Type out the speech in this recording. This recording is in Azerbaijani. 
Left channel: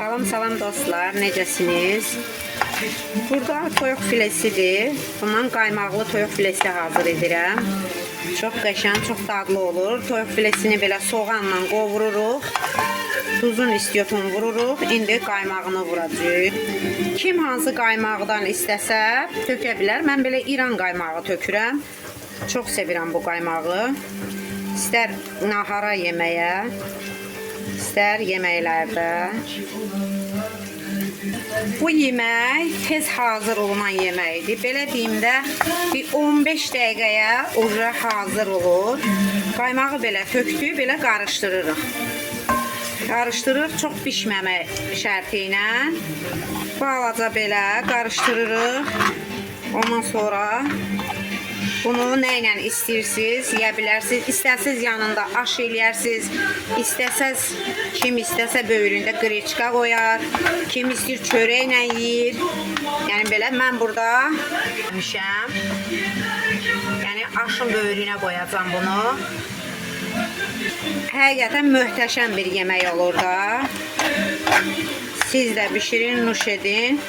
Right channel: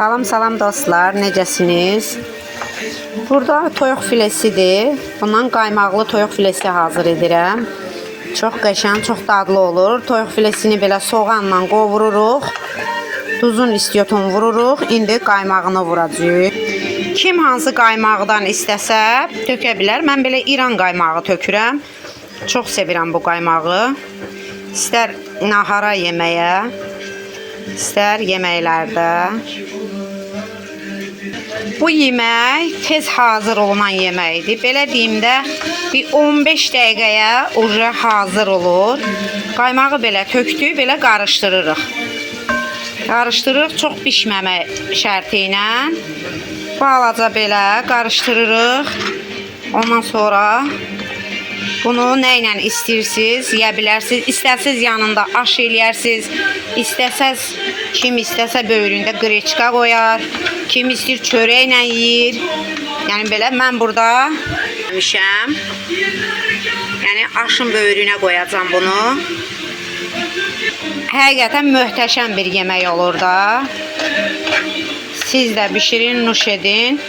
Salam dostlar, necəsiniz? Burada toyuq filesidir. Bundan qaymaqlı toyuq filesi hazır edirəm. Çox qəşəng, çox dadlı olur. Toyuq filesini belə soğanla qovururuq. Tuzun istiyotunu vururuq. İndi qaymağını vuracağıq. Kim hansı qaymaqdan istəsə tökə bilər. Mən belə İran qaymağı tökürəm. Çox sevirəm bu qaymağı. İstər nahara yeməyə, istər yeməklərdə. Bu yemək tez hazır olunan yeməkdir. Belə deyim də bir 15 dəqiqəyə uca hazır olur. Qaymağı belə tökdük, belə qarışdırırıq. Qarışdırırıq çox pişməmək şərti ilə. Balaca belə qarışdırırıq. Ondan sonra bunu nə ilə istəyirsiniz, yeyə bilərsiniz. İstərsiniz yanında aş eləyərsiniz. İstəsəz, kim istəsə böyründə qreçka qoyar. Kim istəyir çörəklə yeyir. Yəni belə mən burada yemişəm. Yəni aşın böyrünə qoyacağam bunu. Həqiqətən möhtəşəm bir yemək olur da. Siz də bişirin, nuş edin.